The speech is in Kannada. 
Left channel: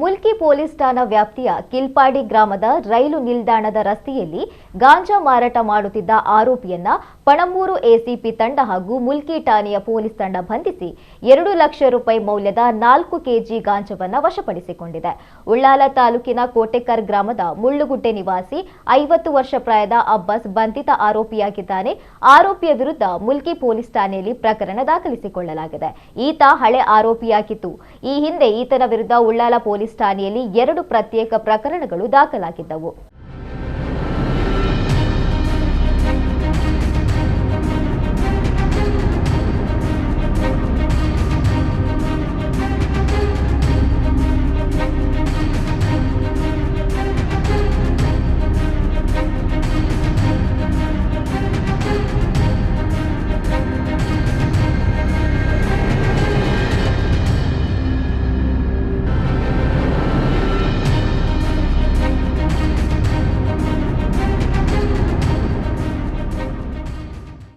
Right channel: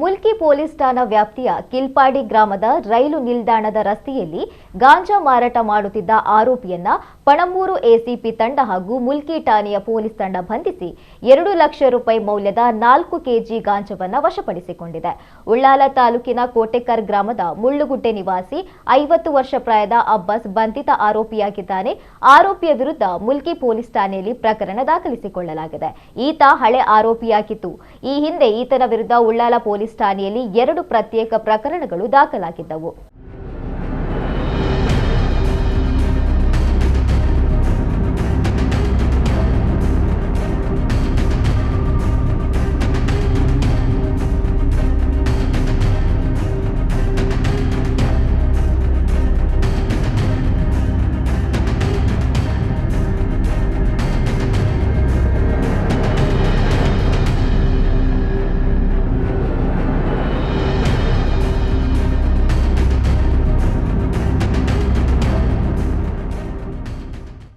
ಮುಲ್ಕಿ ಪೊಲೀಸ್ ಠಾಣಾ ವ್ಯಾಪ್ತಿಯ ಕಿಲ್ಪಾಡಿ ಗ್ರಾಮದ ರೈಲು ನಿಲ್ದಾಣದ ರಸ್ತೆಯಲ್ಲಿ ಗಾಂಜಾ ಮಾರಾಟ ಮಾಡುತ್ತಿದ್ದ ಆರೋಪಿಯನ್ನ ಪಣಂಬೂರು ಎಸಿಪಿ ತಂಡ ಹಾಗೂ ಮುಲ್ಕಿ ಠಾಣೆಯ ಪೊಲೀಸ್ ತಂಡ ಬಂಧಿಸಿ 2 ಲಕ್ಷ ರೂಪಾಯಿ ಮೌಲ್ಯದ 4 ಕೆಜಿ ಗಾಂಜಾವನ್ನು ವಶಪಡಿಸಿಕೊಂಡಿದೆ. ಉಳ್ಳಾಲ ತಾಲೂಕಿನ ಕೋಟೆಕರ್ ಗ್ರಾಮದ ಮುಳ್ಳುಗುಡ್ಡೆ ನಿವಾಸಿ 50 ವರ್ಷ ಪ್ರಾಯದ ಅಬ್ಬಾಸ್ ಬಂಧಿತ ಆರೋಪಿಯಾಗಿದ್ದಾನೆ. ಆರೋಪಿಯ ವಿರುದ್ಧ ಮುಲ್ಕಿ ಪೊಲೀಸ್ ಠಾಣೆಯಲ್ಲಿ ಪ್ರಕರಣ ದಾಖಲಿಸಿಕೊಳ್ಳಲಾಗಿದೆ. ಈತ ಹಳೆ ಆರೋಪಿಯಾಗಿದ್ದು, ಈ ಹಿಂದೆ ಈತನ ವಿರುದ್ಧ ಉಳ್ಳಾಲ ಪೊಲೀಸ್ ಠಾಣೆಯಲ್ಲಿ 2 ಪ್ರತ್ಯೇಕ ಪ್ರಕರಣಗಳು ದಾಖಲಾಗಿದ್ದವು.